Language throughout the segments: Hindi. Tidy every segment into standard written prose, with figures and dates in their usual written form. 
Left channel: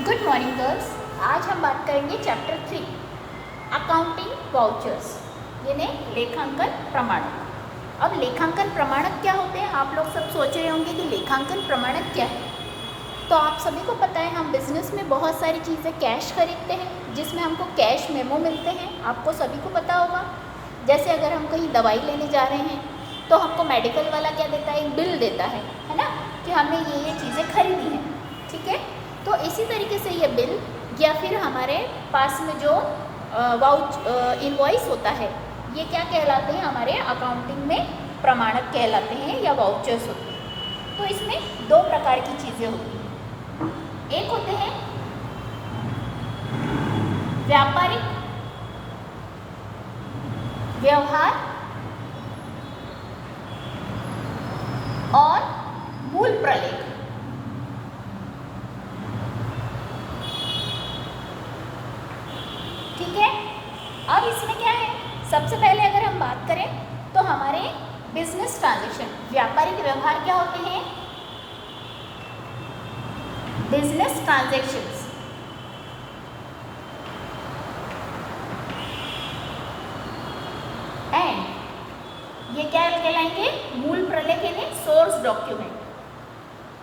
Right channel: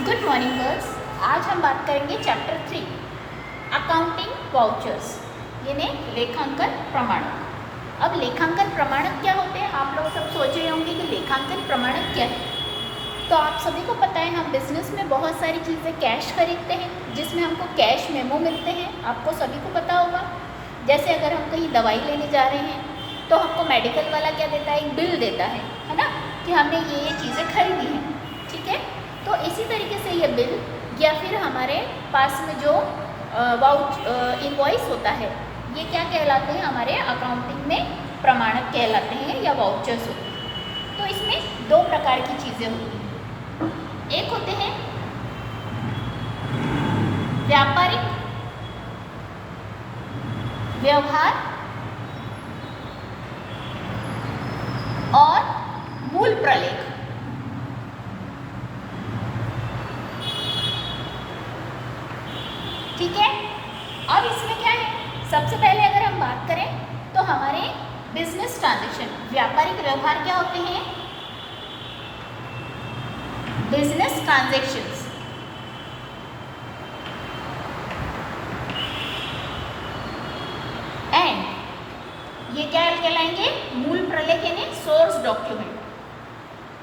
Good morning girls. आज हम बात करेंगे चैप्टर 3 अकाउंटिंग वाउचर्स यानी लेखांकन प्रमाणक। अब लेखांकन प्रमाणक क्या होते हैं? आप लोग सब सोच रहे होंगे कि लेखांकन प्रमाणक क्या है। तो आप सभी को पता है हम बिजनेस में बहुत सारी चीज़ें कैश खरीदते हैं जिसमें हमको कैश मेमो मिलते हैं। आपको सभी को पता होगा। जैसे अगर हम कहीं दवाई लेने जा रहे हैं तो हमको मेडिकल वाला क्या देता है? एक बिल देता है ना, कि हमने ये चीज़ें खरीदी हैं। ठीक है, तो इसी तरीके से ये बिल या फिर हमारे पास में जो इनवॉइस होता है ये क्या कहलाते हैं? हमारे अकाउंटिंग में प्रमाणक कहलाते हैं या वाउचर्स होते हैं। तो इसमें दो प्रकार की चीज़ें होती हैं। एक होते हैं व्यापारिक व्यवहार और मूल प्रलेख। ठीक है, अब इसमें क्या है? सबसे पहले अगर हम बात करें तो हमारे बिजनेस ट्रांजैक्शन व्यापारिक व्यवहार क्या होते हैं? बिजनेस ट्रांजैक्शंस एंड ये क्या कहलाएंगे? मूल प्रलेख यानी सोर्स डॉक्यूमेंट।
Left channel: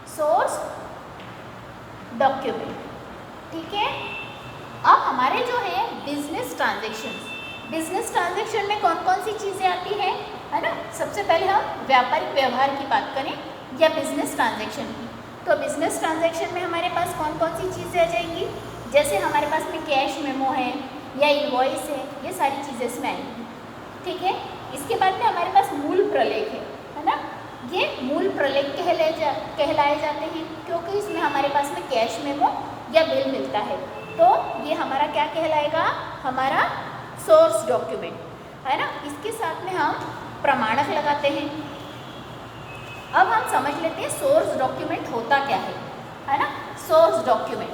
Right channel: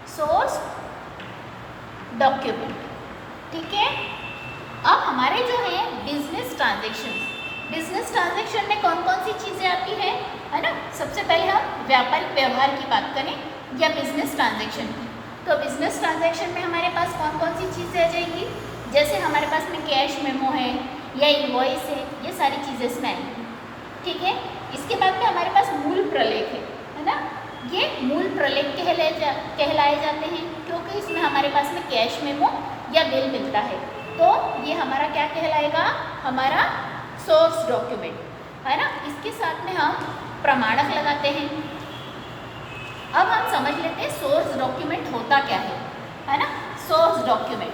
Source document. ठीक है, अब हमारे जो है बिजनेस ट्रांजैक्शन में कौन कौन सी चीज़ें आती हैं, है ना। सबसे पहले हम व्यापारिक व्यवहार की बात करें या बिजनेस ट्रांजैक्शन की, तो बिजनेस ट्रांजैक्शन में हमारे पास कौन कौन सी चीज़ें आ जाएंगी? जैसे हमारे पास में कैश मेमो है या इनवॉइस है, ये सारी चीज़ें इसमें आएंगी। ठीक है, इसके बाद में हमारे पास मूल प्रलेख है ना। ये मूल प्रलेख कहलाए जाते हैं क्योंकि इसमें हमारे पास में कैश मेमो या बिल मिलता है। तो ये हमारा क्या कहलाएगा? हमारा सोर्स डॉक्यूमेंट, है ना। इसके साथ में हम प्रमाणक लगाते हैं। अब हम समझ लेते हैं सोर्स डॉक्यूमेंट होता क्या है ना। सोर्स डॉक्यूमेंट,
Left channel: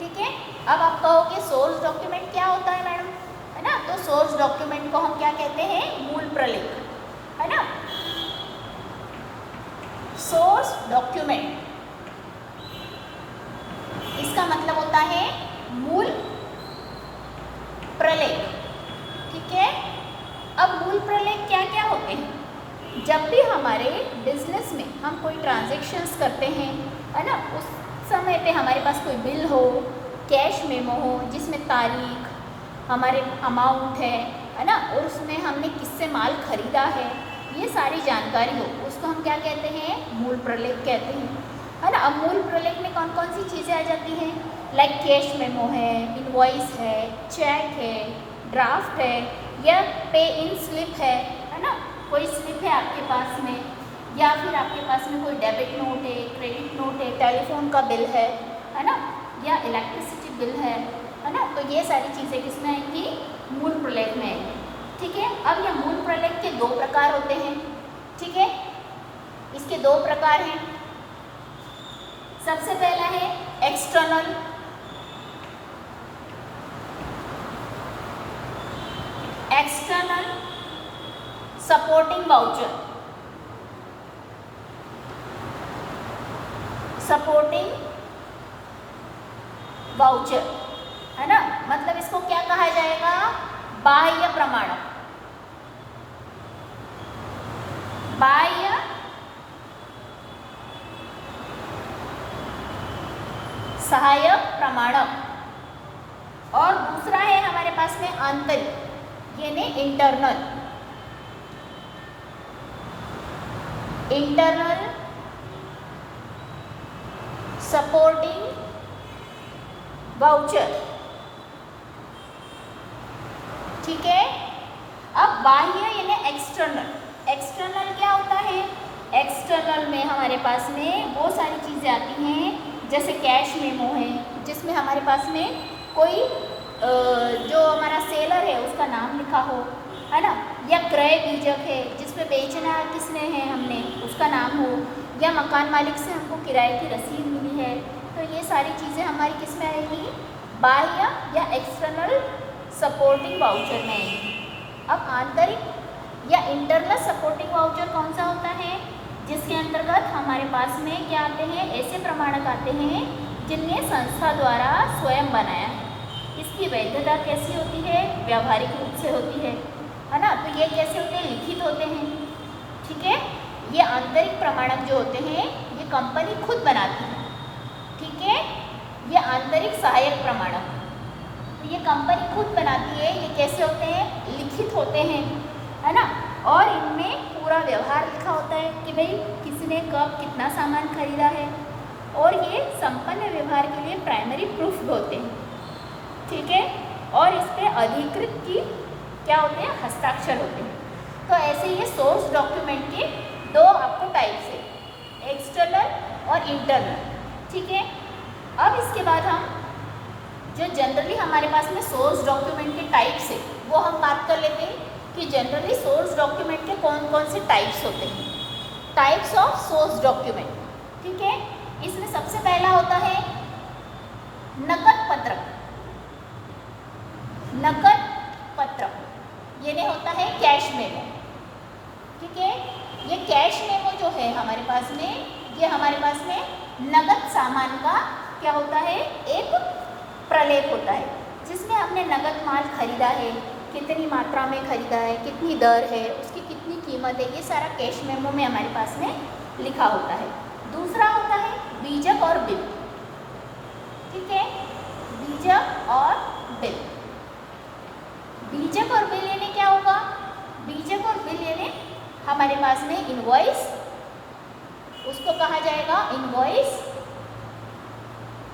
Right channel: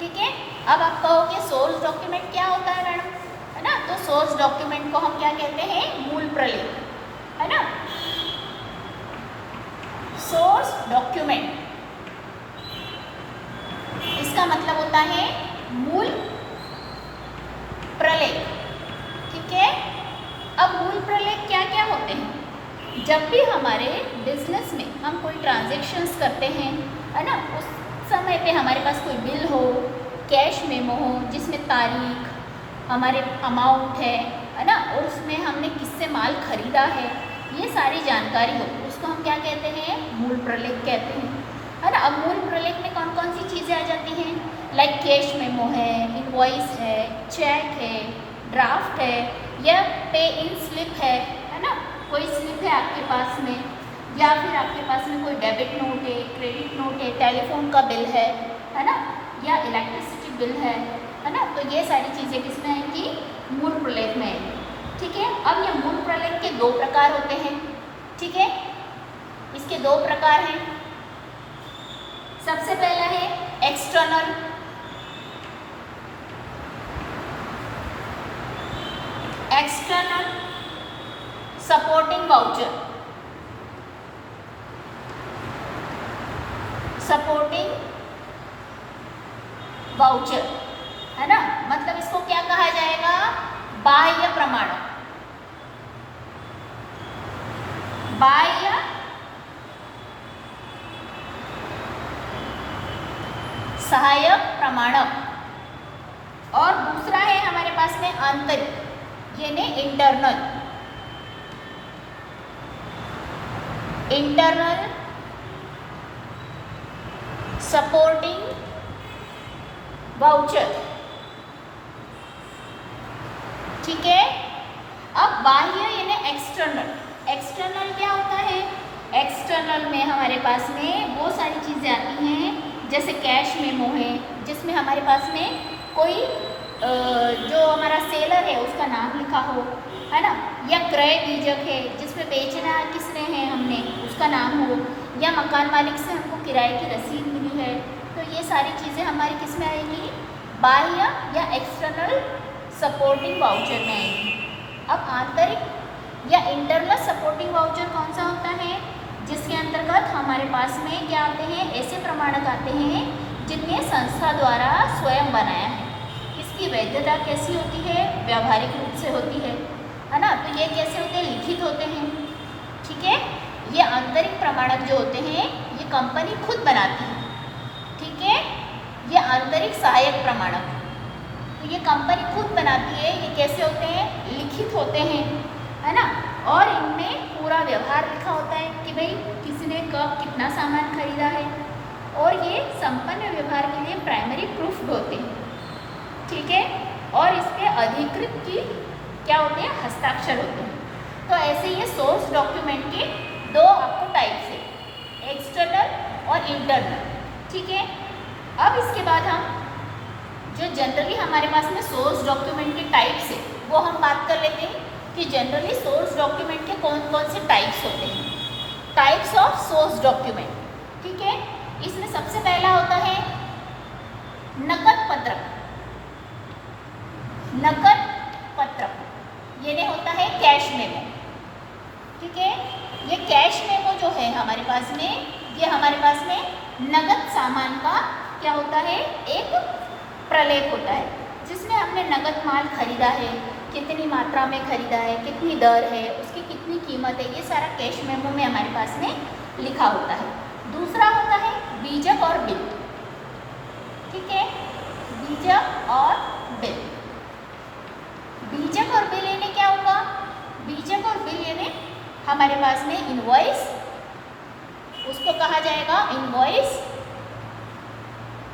ठीक है। अब आप कहोगे सोर्स डॉक्यूमेंट क्या होता है मैडम, है ना। तो सोर्स डॉक्यूमेंट को हम क्या कहते हैं? मूल प्रलेख, है ना। सोर्स डॉक्यूमेंट इसका मतलब होता है मूल प्रलेख। ठीक है, अब मूल प्रलेख क्या क्या होते हैं? जब भी हमारे बिजनेस में हम कोई ट्रांजैक्शंस करते हैं, है ना, उस समय पे हमारे पास कोई बिल हो, कैश मेमो हो जिसमें तारीख, हमारे अमाउंट है ना, और उसमें हमने किससे माल खरीदा है, ये सारी जानकारी हो, उसको हम क्या कहते हैं? मूल प्रलेख कहते हैं, है ना। अब मूल प्रलेख में कौन कौन सी चीज़ें आ जाती हैं? लाइक कैश मेमो है, इनवॉइस है, चेक है, ड्राफ्ट है या पे इन स्लिप है ना। कोई स्लिप है आपके पास में या फिर आपके पास में कोई डेबिट नोट है, क्रेडिट नोट है, टेलीफोन का बिल है ना, या इलेक्ट्रिसिटी बिल है ना। तो ये सारी चीज़ें किसमें आएंगी? मूल प्रलेख में आएंगी। ठीक है, अब ये मूल प्रलेख के दो प्रकार होते हैं। ठीक है, इसके दो प्रकार हैं। सबसे पहला है external supporting voucher. Supporting voucher, है ना, मतलब इसको क्या कहा जाएगा? बाह्य प्रमाणक। बाह्य सहायक प्रमाणक। और दूसरा है हमारे पास में आंतरिक यानी इंटरनल सपोर्टिंग वाउचर। ठीक है, अब बाह्य यानी एक्सटर्नल क्या होता है? एक्सटर्नल में हमारे पास में वो सारी चीज़ें आती हैं जैसे कैश मेमो है जिसमें हमारे पास में कोई जो हमारा सेलर है उसका नाम लिखा हो, है ना, या क्रय बीजक है जिसमें बेचना किसने है हमने उसका नाम हो, या मकान मालिक से हमको किराए की रसीद मिली है। तो ये सारी चीज़ें हमारी किस में आएगी? बाह्य या एक्सटर्नल सपोर्टिंग वाउचर में आएगी। अब आंतरिक या इंटरनल सपोर्टिंग वाउचर कौन सा होता है? जिसके अंतर्गत हमारे पास में क्या आते हैं? ऐसे प्रमाणक आते हैं जिन्हें संस्था द्वारा स्वयं बनाया है। इसकी वैधता कैसी होती है? व्यावहारिक रूप से होती है ना। तो ये कैसे होते हैं? लिखित होते हैं। ठीक है। ये आंतरिक प्रमाणक जो होते हैं ये कंपनी खुद बनाती है। ठीक है। ये आंतरिक सहायक प्रमाणक तो ये कंपनी खुद बनाती है। ये कैसे होते हैं? लिखित होते हैं, है ना। और इनमें पूरा व्यवहार लिखा होता है कि भाई किसी ने कब कितना सामान खरीदा है, और ये संपन्न व्यवहार के लिए प्राइमरी प्रूफ होते हैं। ठीक है। और इस पे अधिकृत की क्या होते हैं? हस्ताक्षर होते हैं। तो ऐसे ये सोर्स डॉक्यूमेंट के दो आपको टाइप्स है, एक्सटर्नल और इंटरनल। ठीक है। अब इसके बाद हम जो जनरली हमारे पास में सोर्स डॉक्यूमेंट के टाइप्स है वो हम बात कर लेते हैं कि जनरली सोर्स डॉक्यूमेंट के कौन कौन से टाइप्स होते हैं। Types of source document. ठीक है। इसमें सबसे पहला होता है नकद पत्रक। नकद पत्रक ये नहीं होता है कैश मेमो। ठीक है। ये कैश मेमो जो है हमारे पास में, ये हमारे पास में नगद सामान का क्या होता है? एक प्रलेख होता है जिसमें हमने नगद माल खरीदा है, कितनी मात्रा में खरीदा है, कितनी दर है, उसकी कितनी कीमत है, ये सारा कैश मेमो में हमारे पास में लिखा होता है। दूसरा होता है बीजक और बिल। ठीक है। बीजक और बिल। बीजक और बिल यानी क्या होगा? बीजक और बिल यानी हमारे पास में इनवॉइस, उसको कहा जाएगा इनवॉइस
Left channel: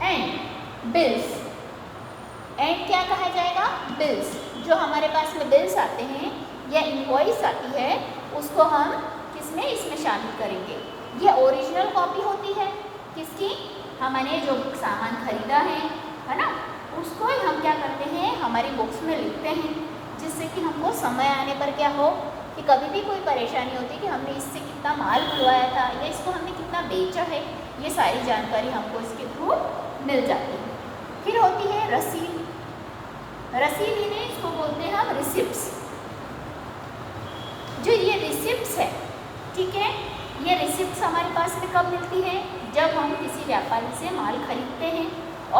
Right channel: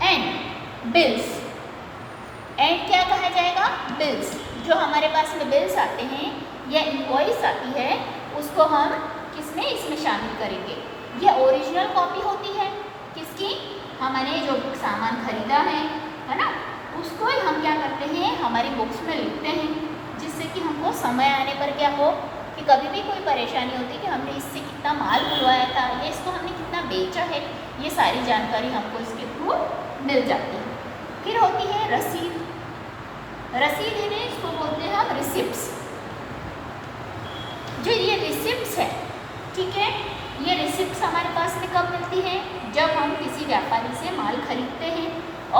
एंड बिल्स। एंड क्या कहा जाएगा? बिल्स। जो हमारे पास में बिल्स आते हैं या इनवॉइस आती है उसको हम किसमें? इसमें शामिल करेंगे। ये ओरिजिनल कॉपी होती है किसकी? हमने जो सामान खरीदा है ना, उसको हम क्या करते हैं? हमारी बुक्स में लिखते हैं, जिससे कि हमको समय आने पर क्या हो कि कभी भी कोई परेशानी होती है कि हमने इससे कितना माल खुलवाया था या इसको हमने कितना बेचा है, ये सारी जानकारी हमको इसके थ्रू मिल जाती है। फिर होती है रसीद। रसीद यानी इसको बोलते हैं हम रिसिप्ट्स। जो ये रिसिप्ट्स है, ठीक है, ये रिसिप्ट्स हमारे पास में कब मिलती है? जब हम किसी व्यापारी से माल खरीदते हैं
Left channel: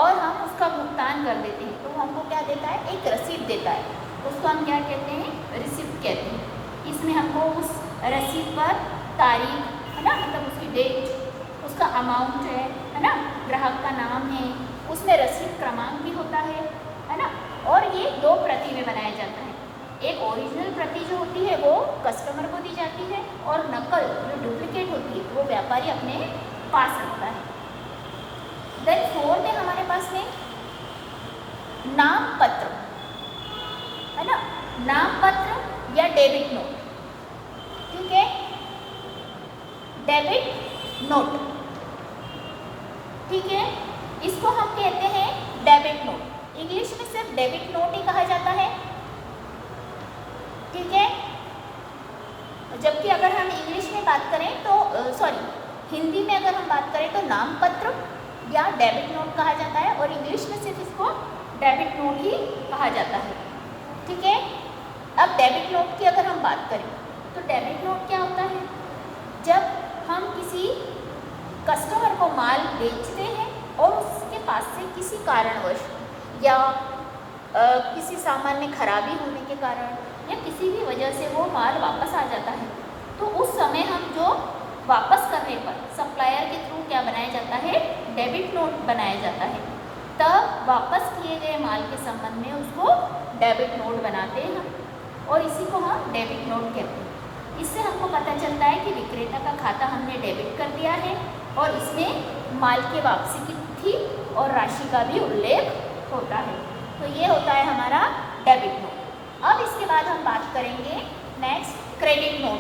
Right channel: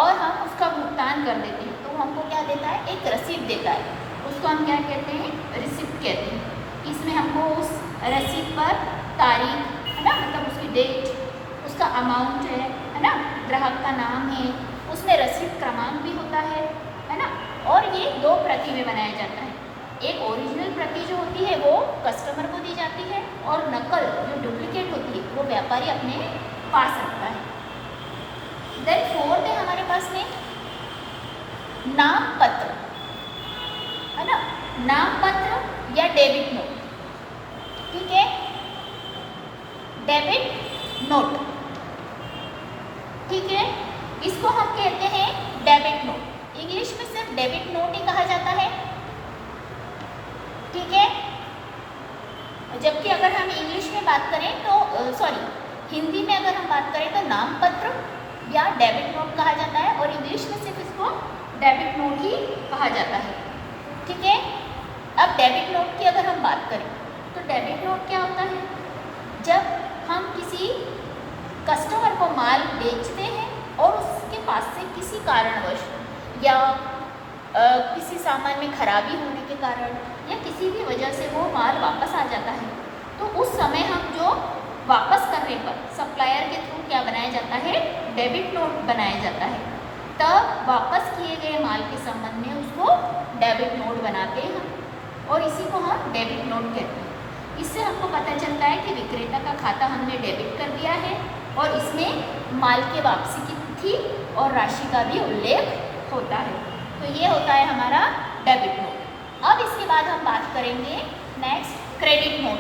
और हम उसका भुगतान कर देते हैं तो हमको क्या देता है? एक रसीद देता है। उसको हम क्या कहते हैं? रिसिप्ट कहते हैं। इसमें हमको उस रसीद पर तारीख, है ना, मतलब उसकी डेट, उसका अमाउंट है ना, ग्राहक का नाम है, उसमें रसीद क्रमांक भी होता है ना। और ये दो प्रति में बनाया जाता है। एक ओरिजिनल प्रति जो होती है वो कस्टमर को दी जाती है और नकल जो डुप्लीकेट होती है वो व्यापारी अपने पास रखता है। देन फोर्थ है हमारे पास में नाम पत्र, है ना, नाम पत्र या डेबिट नोट। ठीक है, डेबिट नोट। ठीक है, इसको हम कहते हैं डेबिट नोट। इंग्लिश में सिर्फ डेबिट नोट ही कहा जाता है। ठीक है, जबकि अगर हम इंग्लिश में बात करें तो हिंदी में अगर हम बात करें तो नाम पत्र या डेबिट नोट कहा जाता है और इंग्लिश में सिर्फ इसको डेबिट नोट ही कहा जाता है। ठीक है, अब डेबिट नोट की अगर हम बात करें तो डेबिट नोट क्या होता है? जब हम किसी कस्टमर को माल बेचते हैं और उसके पास से किसी कारणवश या किसी सामान में खराबी होने के कारण या किसी भी वजह से वो माल वापस आ जाता है तो उस समय हम जो वापस करने पर सप्लायर के थ्रू क्या बनाया जाता है? डेबिट नोट बनाया जाता है। तब वापस किए गए माल के संबंध में उसको डेबिट नोट बनाते हैं और इसी को हम डेबिट नोट कहते हैं। इससे हमको पता चलता है कि विक्रेता का खाता हमने डेबिट कर दिया है और इसमें माल के वापसी की तिथि और राशि का भी उल्लेख होता है। तो ये होता है हमारा डेबिट नोट। अब इसके बाद हम बात करेंगे नेक्स्ट क्रेडिट नोट,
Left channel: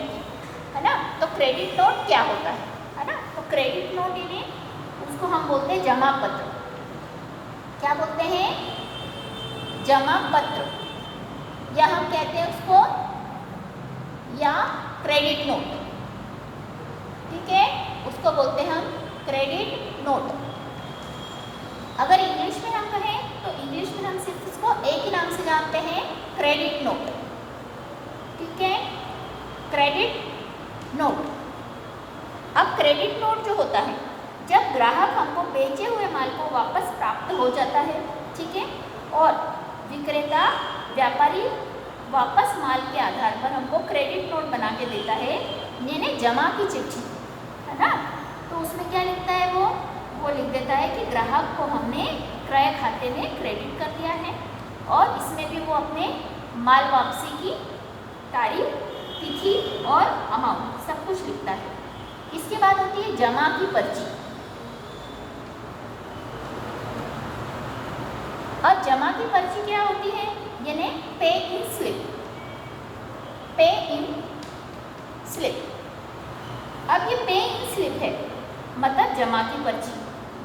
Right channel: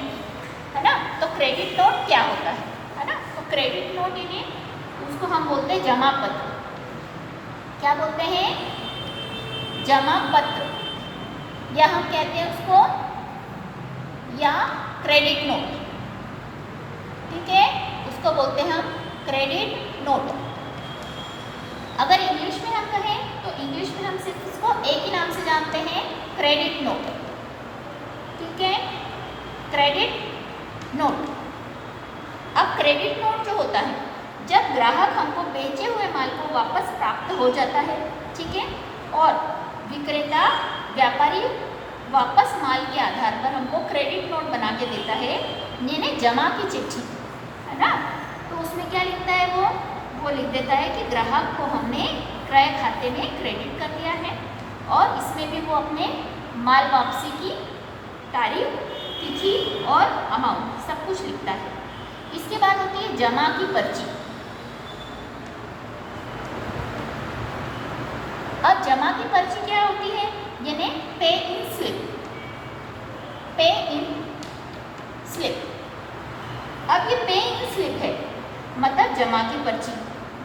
है ना। तो क्रेडिट नोट क्या होता है ना। तो क्रेडिट नोट यानी उसको हम बोलते हैं जमा पत्र। क्या बोलते हैं? जमा पत्र, या हम कहते हैं उसको या क्रेडिट नोट। ठीक है, उसको बोलते हैं हम क्रेडिट नोट। अगर इंग्लिश में हम कहें तो इंग्लिश में हम सिर्फ इसको एक ही नाम से जानते हैं, क्रेडिट नोट। ठीक है, क्रेडिट नोट। अब क्रेडिट नोट जो होता है जब ग्राहक हमको बेचे हुए माल को वापस प्राप्त हो जाता है, ठीक है, और विक्रेता व्यापारी वापस माल के आधार पर हमको क्रेडिट नोट बना के देता है, यानी जमा की चिट्ठी, है ना। तो उसमें क्या लिखता है वो लिख देता है कि ग्राहक को हमने क्रय खाते में क्रेडिट कर दिया है, और इसमें भी वो अपने माल वापसी की तारीख, तिथि और अमाउंट सब कुछ लिखता है। इसके बाद होती है जमा की पर्ची। अब जमा की पर्ची क्या होती है, यानी पे इन स्लिप, पे इन स्लिप। अब ये पे इन स्लिप है, मतलब जमा की पर्ची,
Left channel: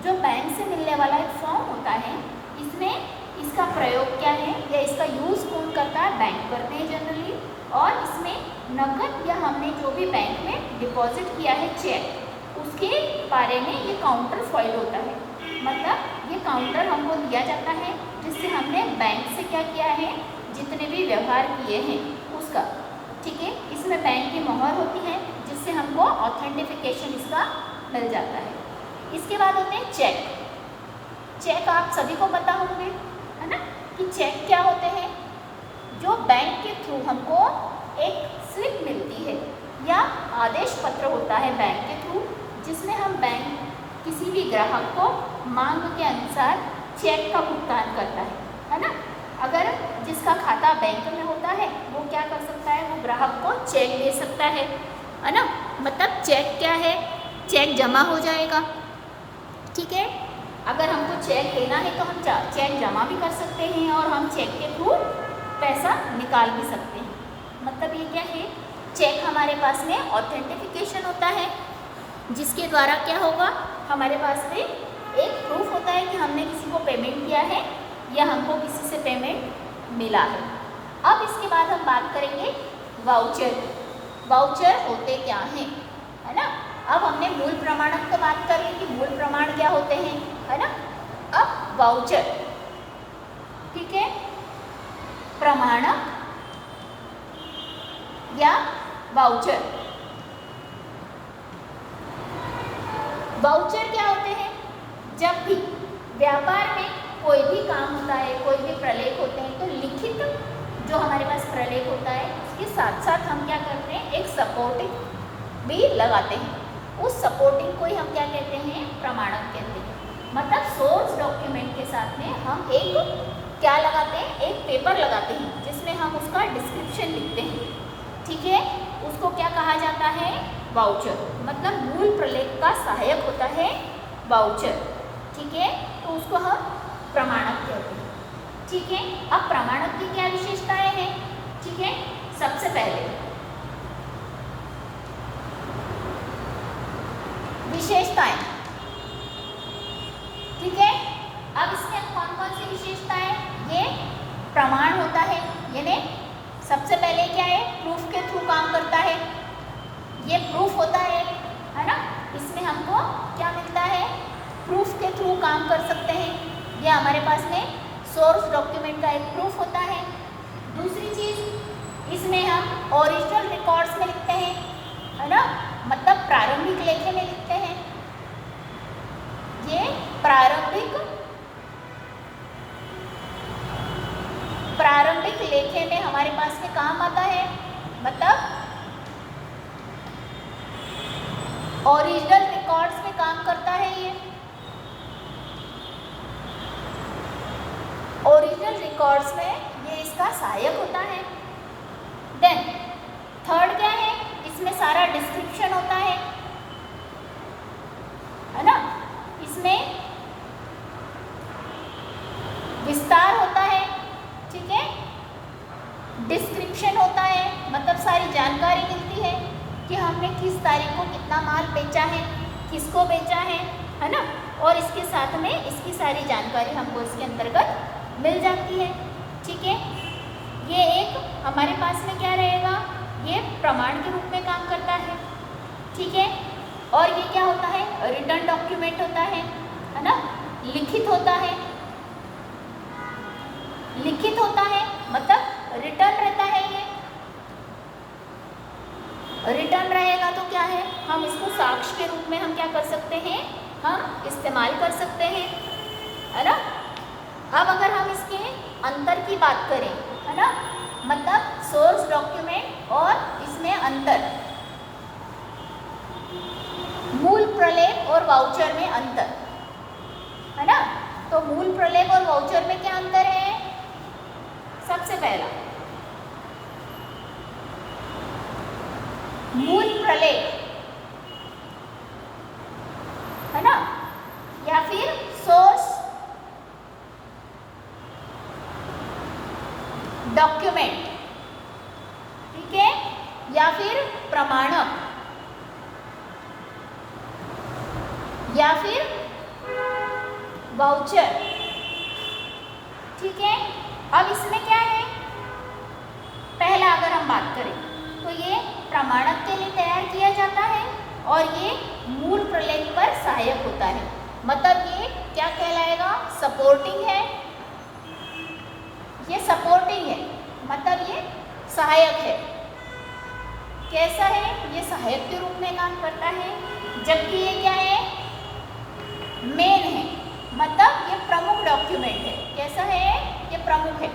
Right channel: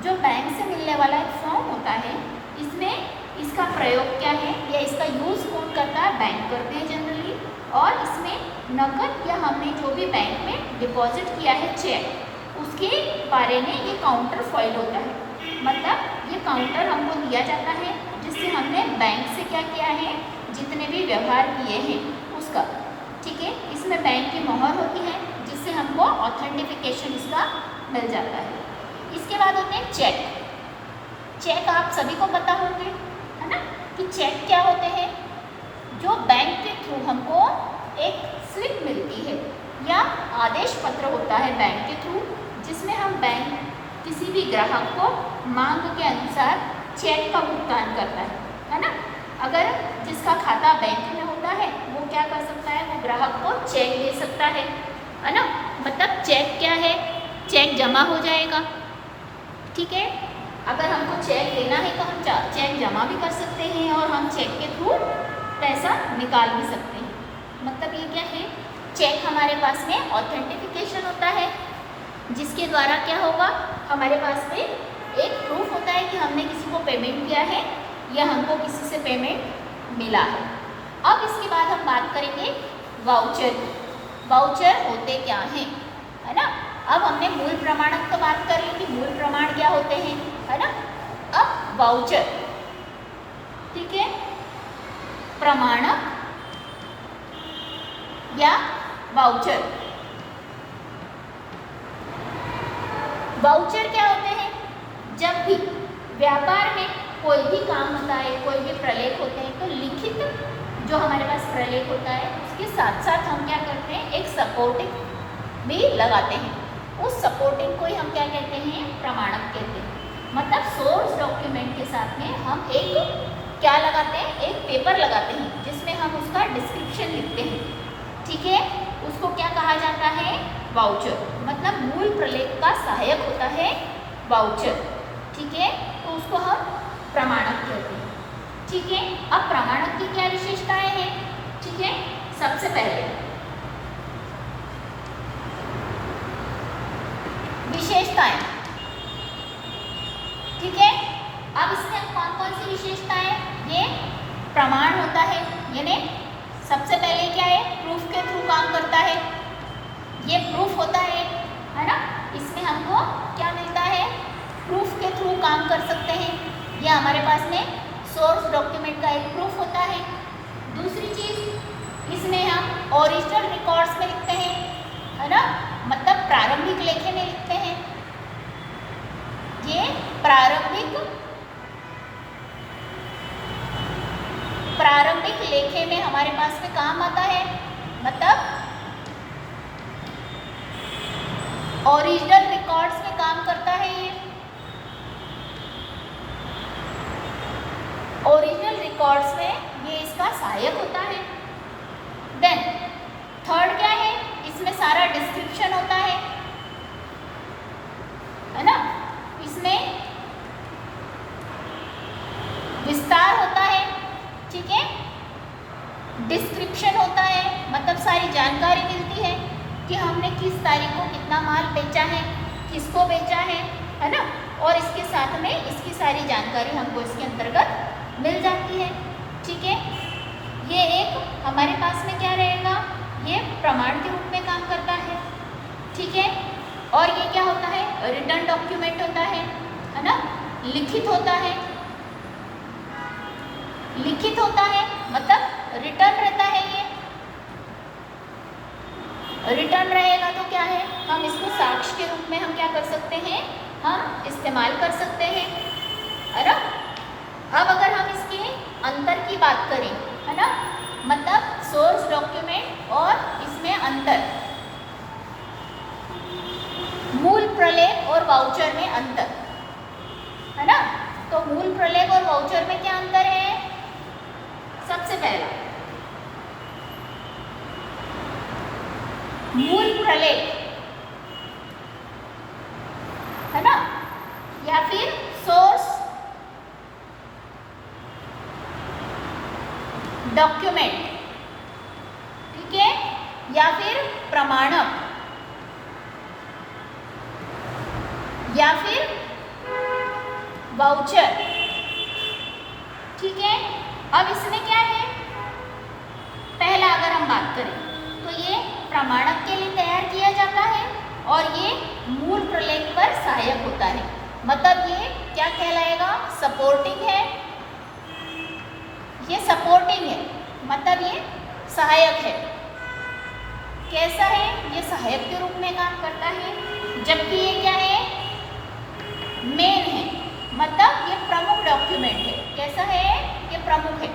जो बैंक से मिलने वाला एक फॉर्म होता है। इसमें इसका प्रयोग क्या है या इसका यूज़ कौन करता है, बैंक करते हैं जनरली। और इसमें नकद या हमने जो भी बैंक में डिपॉजिट किया है चेक, उसके बारे में ये काउंटर फॉइल होता है, मतलब ये काउंटर हमको दिया जाता है जिससे हमने बैंक से क्या किया है, जितने भी व्यवहार किए हैं उसका, ठीक है। इसमें बैंक की मोहर होती है जिससे हमको ऑथेंटिफिकेशन इसका मिल जाता है। इसके बाद होते हैं चेक। चेक आप सभी को पता होंगे, है ना, कि चेक क्या होते हैं, जो बैंक के थ्रू हमको एक स्लिप मिलती है या आदेश पत्र होता है बैंक के थ्रू, जिसमें हम बैंक किसी भी ग्राहक को मांग के अनुसार चेक का भुगतान करता है ना। अगर जिसका खाता बैंक में होता है वो क्या कर सकता है, वो ग्राहक को चेक दे सकता है ना। मतलब चेक क्या है, चेक जमा हो जाएगा, ठीक है। अगर हमको चेक देना है तो हम चेक जमा भी कर सकते हैं और हम चेक के थ्रू पैसा निकाल भी सकते हैं। मतलब ये क्या है, चेक हमारे पास में ऑथेंटिफिकेशन होता है, जिसके द्वारा क्या होगा, हमारे पास में एक प्रूफ होता है कि हमने किसी को पेमेंट किया है या हमको किसी से पेमेंट मिला है। अब इसके बाद हम बात करेंगे वाउचर। वाउचर होते क्या हैं, है ना। अब हमने मूल प्रमाणक तो बात करी कि मूल प्रमाण क्या होते हैं, है ना। अब वाउचर, ठीक है, प्रमाणक या वाउचर। वाउचर क्या होते हैं, जब भी व्यापार में कोई भी काम होता है, कोई भी प्रलेख होते हैं, तो लिखित जो हमारे पास प्रलेख होता है उसके साथ साथ हम क्या करते हैं, एक सपोर्टिंग भी लगाते हैं। उस सपोर्टिंग को ही हम क्या कहते हैं, प्रमाणक कहते हैं। मतलब सोर्स डॉक्यूमेंट के साथ में हम एक क्या लगाते हैं, एक पेपर लगाते हैं जिसमें हम उसका डिस्क्रिप्शन लिखते हैं, ठीक है। उसको क्या कहा जाता है, वाउचर। मतलब मूल प्रलेख का सहायक होता है वाउचर, ठीक है। तो उसको हम प्रमाणक कहते हैं, ठीक है। अब प्रमाणक की क्या विशेषताएं हैं, ठीक है। सबसे पहले विशेषताएं, ठीक है। अब इसमें कौन कौन सी विशेषताएं, ये प्रमाण होता है, यानी सबसे पहले क्या है, प्रूफ के थ्रू काम करता है, ये प्रूफ होता है ना। इसमें हमको क्या मिलता है, प्रूफ के थ्रू काम कर सकते हैं, ये हमारे पास में सोर्स डॉक्यूमेंट का एक प्रूफ होता है। दूसरी चीज़, इसमें हम ओरिजिनल रिकॉर्ड्स में लिखते हैं, है ना, मतलब प्रारंभिक लेखे में लिखते हैं। ये प्रारंभिक लेखे में हमारे पास में काम आता है, मतलब ओरिजिनल रिकॉर्ड्स में काम करता है। ये ओरिजिनल रिकॉर्ड्स में ये इसका सहायक होता है। देन थर्ड क्या है, इसमें सारा डिस्क्रिप्शन होता है ना। इसमें विस्तार होता है, ठीक है। डिस्क्रिप्शन होता है, मतलब सारी जानकारी मिलती है कि हमने किस तारीख को कितना माल बेचा है, किसको बेचा है ना। और इसके साथ में इसकी सारी जानकारी हमको इसके अंतर्गत मिल जाती है, ठीक है। ये एक हमारे पास में क्या रहेगा, ये प्रमाण के रूप में काम करता है, ठीक है। और ये क्या होता है, रिटर्न डॉक्यूमेंट होता है ना, लिखित होता है। लिखित होता है मतलब रिटर्न रहता है। ये रिटर्न रहेगा तो क्या है, हम इसको साक्ष्य के रूप में हम क्या कर सकते हैं, हम सकते हैं, है ना। अब अगर हम इसके अंतर की बात करें, है ना, मतलब सोर्स डॉक्यूमेंट और इसमें अंतर, मूल प्रलेख और वाउचर में अंतर, है ना। तो मूल प्रलेख और वाउचर में क्या अंतर है? सबसे पहला मूल प्रलेख, है ना, या फिर सोर्स डॉक्यूमेंट, ठीक है, या फिर प्रमाणक, या फिर वाउचर, ठीक है। अब इसमें क्या है? पहला अगर हम बात करें तो ये प्रमाणक के लिए तैयार किया जाता है और ये मूल प्रलेख पर सहायक होता है। मतलब ये क्या कहलाएगा? सपोर्टिंग है। ये सपोर्टिंग है, मतलब ये सहायक है। कैसा है? ये सहायक के रूप में काम करता है, जबकि ये क्या है? मेन है, मतलब ये प्रमुख डॉक्यूमेंट है। कैसा है? ये प्रमुख है।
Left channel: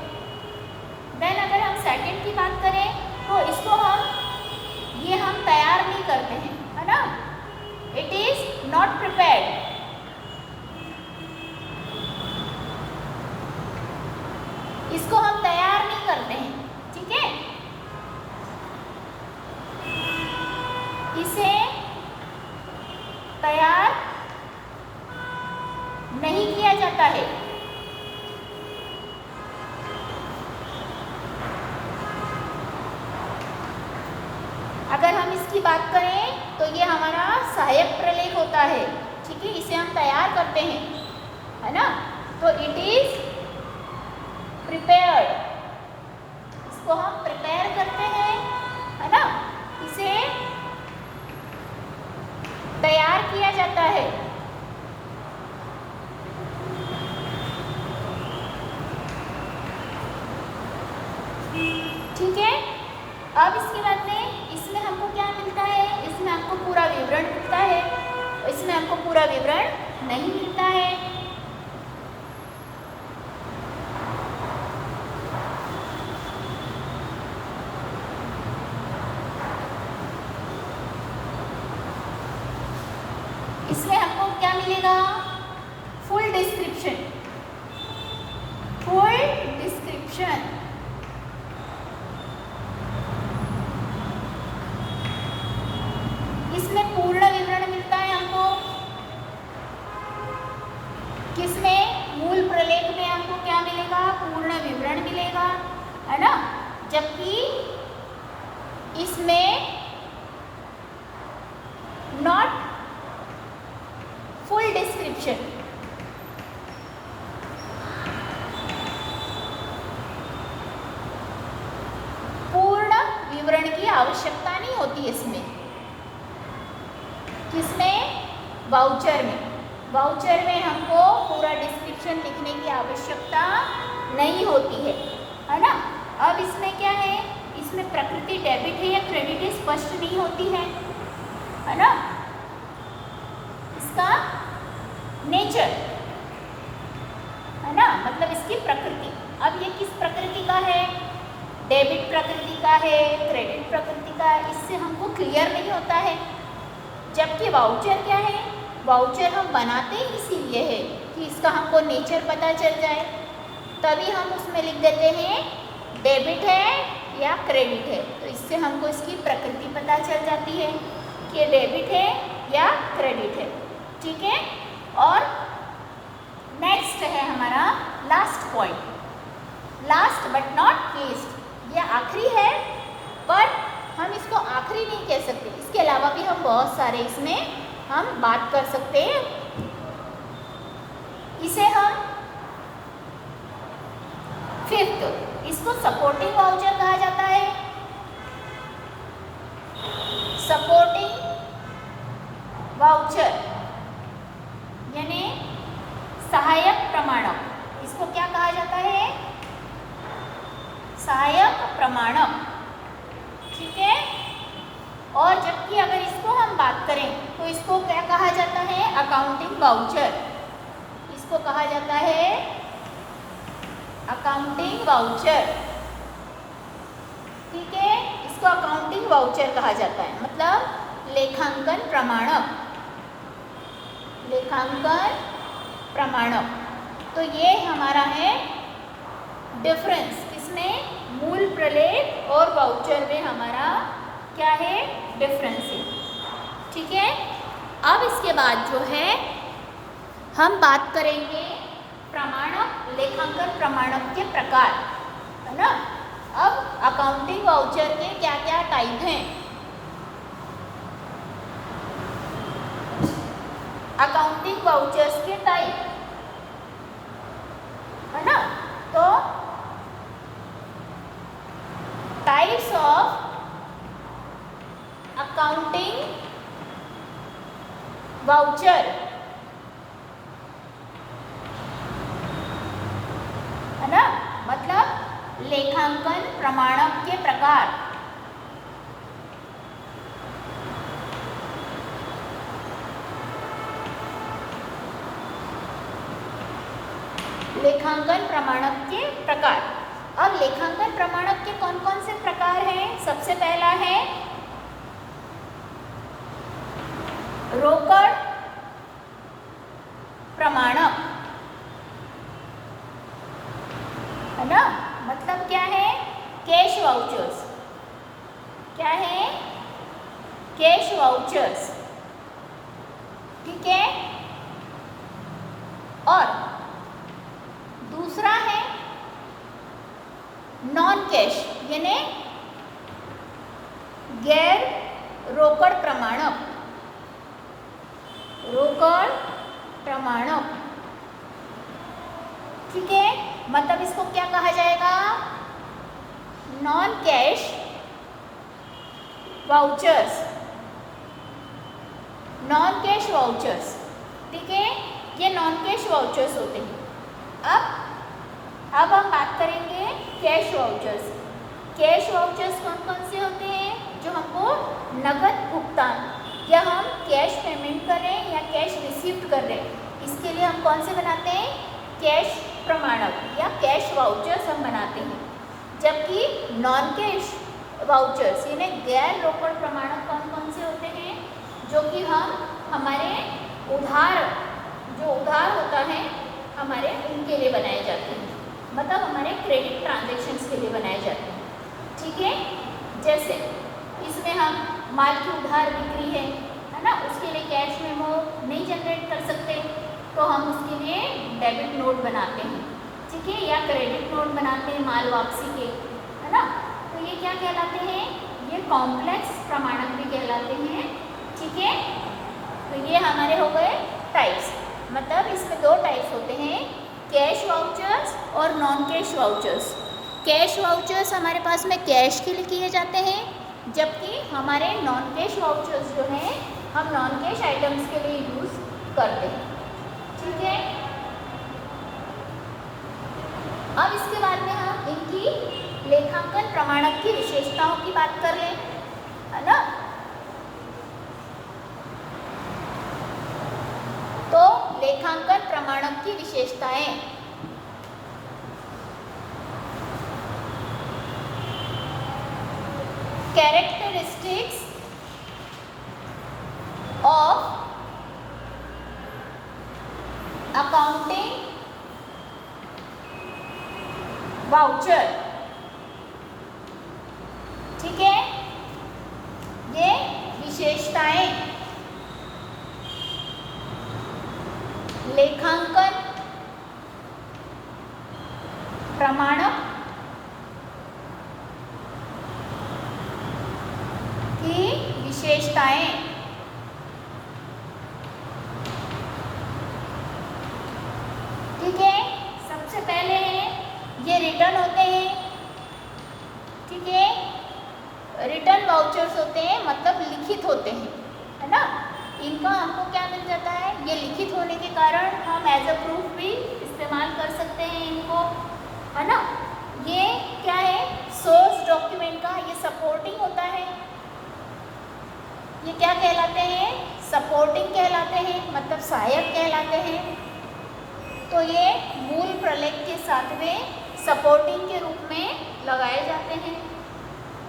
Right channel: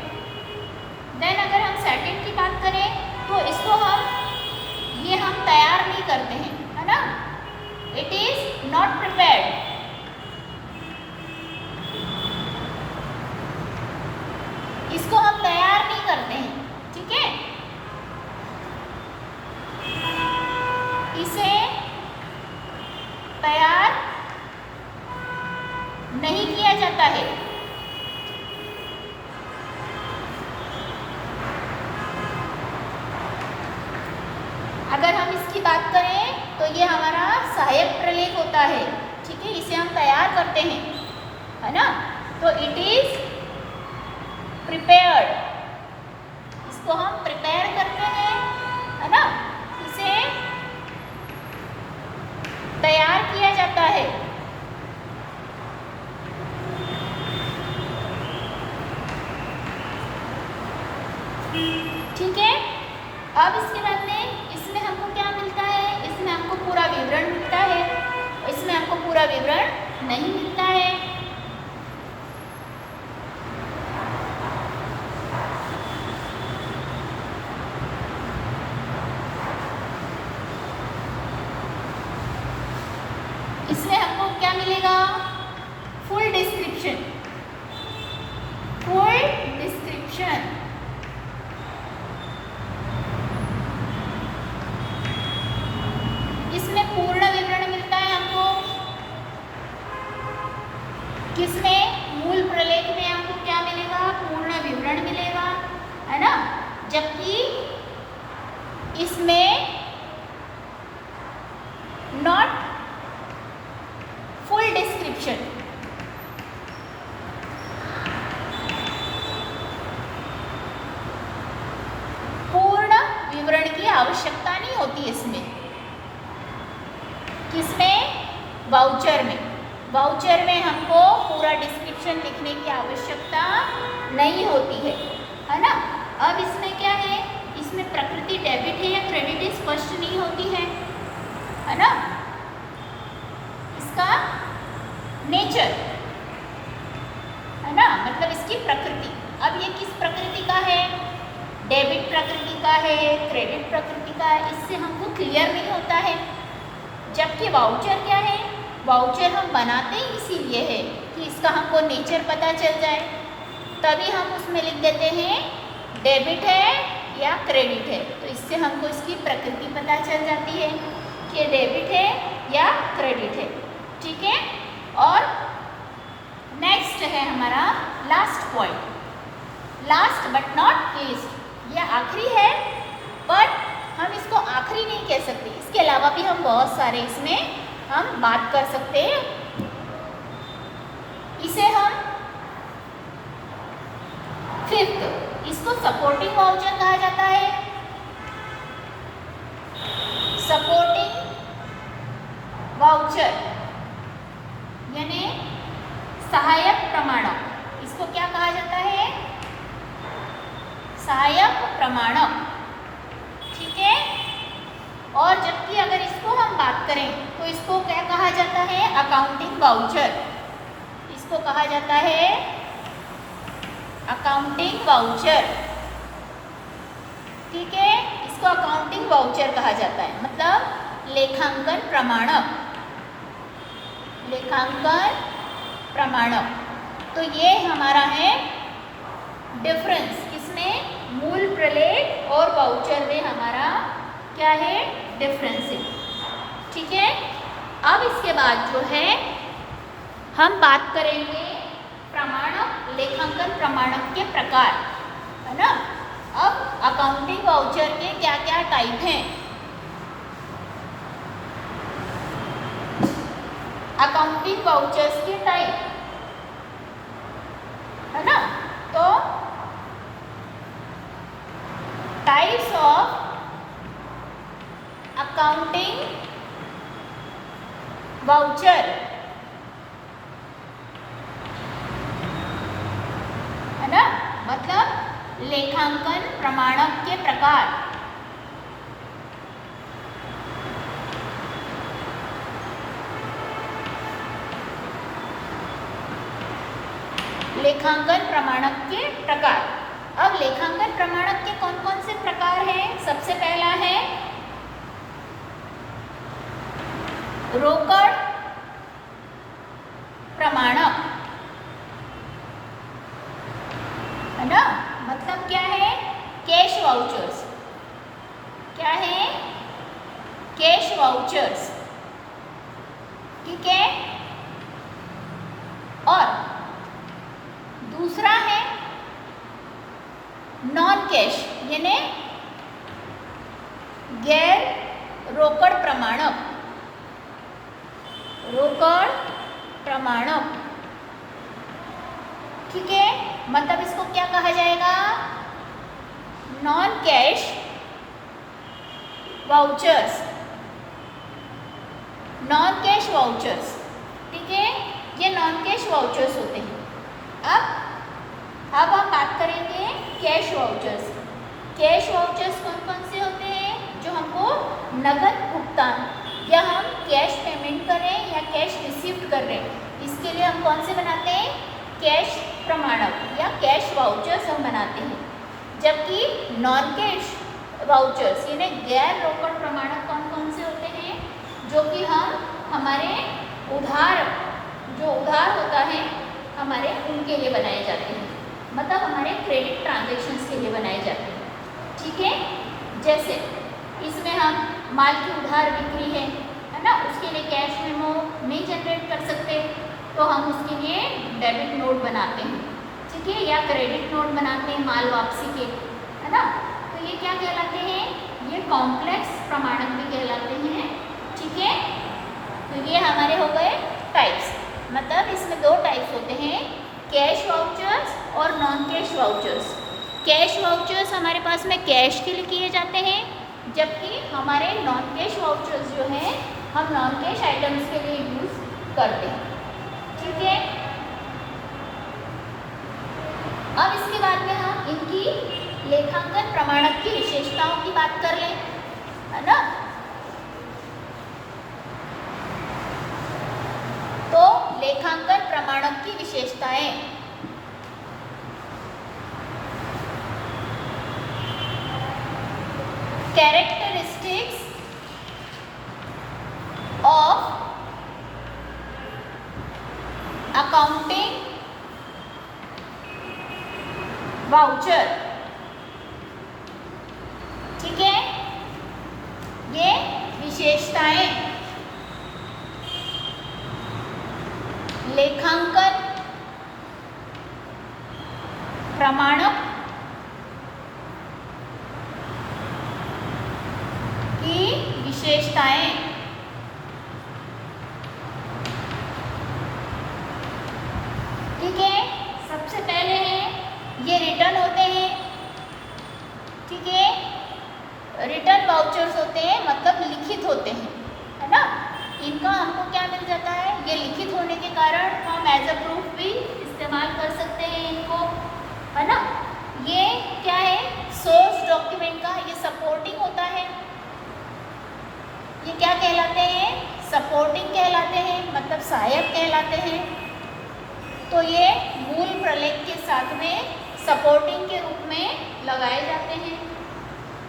देन अगर हम सेकंड की बात करें तो इसको हम तैयार नहीं करते हैं, है ना। It is not prepared. इसको हम तैयार नहीं करते हैं, ठीक है। इसे तैयार नहीं किया जाता है। अगर हम इसकी बात करें तो ये हमारा सहायक प्रलेख होता है, ठीक है। इसे हम तैयार करते हैं, है ना। तो इट इज प्रिपेयर्ड, इसको हम प्रिपेयर करते हैं, है ना। इसे तैयार किया जाता है। ठीक है। अब इसके बाद में इसमें हमको क्या मिलता है? इसमें हमको पूरा विवरण मिलता है, इसमें हमको पूरा विवरण नहीं मिलता है। इसमें हमको क्या मिलेगा? Full description, full description. इसमें पूर्ण विवरण मिलता है हमको। किसमें? मूल प्रलेख में हमको क्या मिलेगा? पूर्ण विवरण मिलेगा, है ना। जबकि इसमें नॉट फुल डिस्क्रिप्शन। पूर्ण विवरण की आवश्यकता नहीं होती इसमें। किसमें? वाउचर में। वाउचर में हमको पूरा डिस्क्रिप्शन लिखने की आवश्यकता नहीं होती है ना। अब इसमें क्या है? इसमें प्रकृति डेबिट है या क्रेडिट है स्पष्ट नहीं होती है ना। इसका नेचर, है ना, मतलब इसकी प्रकृति। अब ये किस प्रकृति का है? डेबिट प्रकृति का है, क्रेडिट प्रकृति का है। इससे हमको क्लियर नहीं होता है। जबकि वाउचर क्या है? वाउचर हम बनाते ही इसीलिए है कि इसका हमको नेचर पता चल जाए, तभी हम उसमें लिख देते हैं डेबिट है या क्रेडिट है। तो इससे हमको इसकी प्रकृति पता चल जाती है कि डेबिट है या क्रेडिट है, ठीक है। और नेक्स्ट है हमारा last point, last but not least. ये आखिरी है, पर हम इसको आखिरी नहीं कह सकते। इसके अलावा भी हम बहुत सारे इसमें हम बात कर सकते हैं। इसे हम फिफ्थ, इसको सपोर्टिंग वाउचर कहा जाता है। सपोर्टिंग वाउचर यानी सहायक प्रमाणक। इसको क्या कहा जाता है? सहायक प्रमाणक, ठीक है। और जबकि अगर इसको हम बात करें तो इसको क्या कहा जाता है? अकाउंटिंग वाउचर, इसको कहा जाता है अकाउंटिंग वाउचर। ठीक है, इसको अकाउंटिंग वाउचर कहा जाता है, मतलब लेखांकन प्रमाणक। लेखांकन प्रमाणक। तो ये हमारा है डिफरेंस, किसमें? मूल प्रलेख और वाउचर में हमारा क्या है? डिफरेंस है। ठीक है, अब इसके बाद जो है हम बात करेंगे प्रमाणक, लेखांकन प्रमाणक के प्रकार, है ना। अब अकाउंटिंग वाउचर के क्या क्या टाइप हैं? अकाउंटिंग वाउचर्स के टाइप, है ना। तो टाइप्स ऑफ अकाउंटिंग वाउचर, है ना, मतलब लेखांकन प्रमाणक के प्रकार। लेखांकन प्रमाणक के प्रकार। अब लेखांकन प्रमाणक के कौन कौन से प्रकार हैं? सबसे पहला है रोकड़ प्रमाणक, है ना, मतलब क्या है? Cash vouchers. क्या है? Cash vouchers. ठीक है, और दूसरा है नॉन कैश, यानी गैर रोकड़ प्रमाणक। रोकड़ प्रमाणक, ठीक है, मतलब इसको क्या कहा जाएगा? Non cash vouchers. Non cash vouchers, ठीक है, ये नॉन कैश वाउचर्स होते हैं। अब हम बात करेंगे कैश वाउचर्स। कैश वाउचर्स कौन कौन से होते हैं? जो हमको नगद भुगतान, या हम कैश पेमेंट कर रहे हैं या कैश रिसीव कर रहे हैं, इसके लिए हम कौन से बनाते हैं? कैश प्रमाणक या कैश वाउचर्स हम बनाते हैं। जबकि नॉन कैश वाउचर्स यानी गैर रोकड़ प्रमाणक कौन कौन से होते हैं? जो कि हम हमारे उधार, जो उधार होता है हमारे, उनके लिए बनाए जाते हैं, मतलब हमारे क्रेडिट ट्रांजैक्शंस के लिए बनाए जाते हैं। ठीक है, जैसे इसमें हम माल की उधार बिक्री है ना, उसके लिए कैश मेमो नहीं जनरेट कर सकते, तो हम उसके लिए डेबिट नोट बनाते हैं। ठीक है, या क्रेडिट नोट बनाते हैं माल वापसी के, है ना। तो ये क्या कहलाते हैं? ये कॉम्प्लेक्स प्रमाणक भी कहलाते हैं। ठीक है, तो ये हमारे हो गए टाइप्स, मतलब इसमें दो टाइप्स होते हैं, कैश वाउचर्स और non cash vouchers. Cash vouchers हमारे पास में कैश के लिए किए जाते हैं, जबकि हमारे नॉन कैश वाउचर्स जो हैं हम नॉन कैश आइटम्स के लिए यूज़ करते हैं। ठीक है, अब इसके बाद में हम इनकी लेखांकन प्रमाणक की विशेषताओं की बात कर लें, है ना। तो लेखांकन प्रमाणक की विशेषताएं, कैरेक्टरिस्टिक्स ऑफ अकाउंटिंग वाउचर। ठीक है, ये विशेषताएं लेखांकन प्रमाणक की विशेषताएं। ठीक है, सबसे पहले है ये रिटर्न होते हैं। ठीक है, रिटर्न वाउचर्स होते हैं, मतलब लिखित होते हैं, है ना। इनका हमको क्या मिल जाता है? ये लिखित होने के कारण हम एज अ प्रूफ भी इस्तेमाल कर सकते हैं इनको, है ना। ये क्या है? सोर्स डॉक्यूमेंट का ये सपोर्टिंग होता है। ये क्या कहलाते हैं? सपोर्टिंग कहलाते हैं, मतलब सहायक कहलाते हैं। तो ये मूल प्रलेख के साथ में सपोर्टिंग के रूप में लगाए जाते हैं।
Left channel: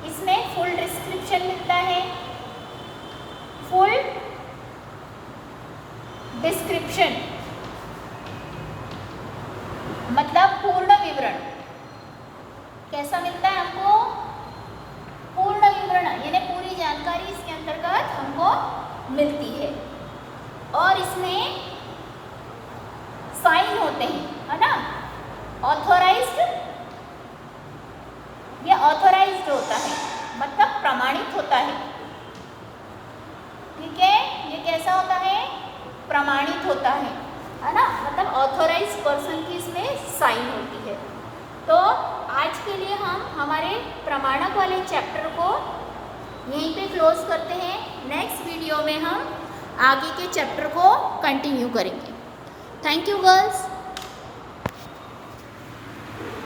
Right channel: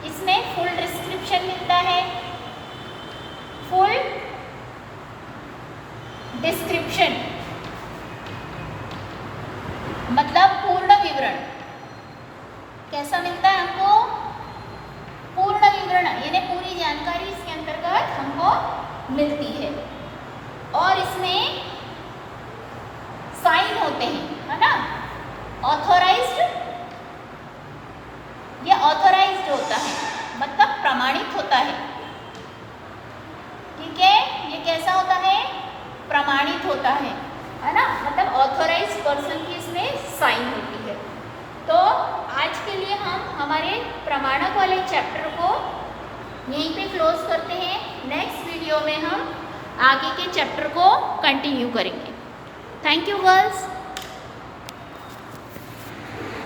इसमें फुल डिस्क्रिप्शन मिलता है, फुल डिस्क्रिप्शन मतलब पूर्ण विवरण। कैसा मिलता है हमको? पूर्ण विवरण, यानी पूरी जानकारी इसके अंतर्गत हमको मिलती है। और इसमें साइन होते हैं, है ना, ऑथोराइज्ड, ये ऑथोराइज्ड होता है मतलब प्रमाणित होता है। ठीक है, ये कैसा होता है? प्रमाणित होता है ना, मतलब ऑथोराइज्ड पर्सन की इसमें साइन होती है। तो आज के लिए हम हमारे प्रमाणक वाले चैप्टर को यहीं पे क्लोज करते हैं। नेक्स्ट वीडियो में हम आगे के चैप्टर को कंटिन्यू करेंगे। Thank you girls.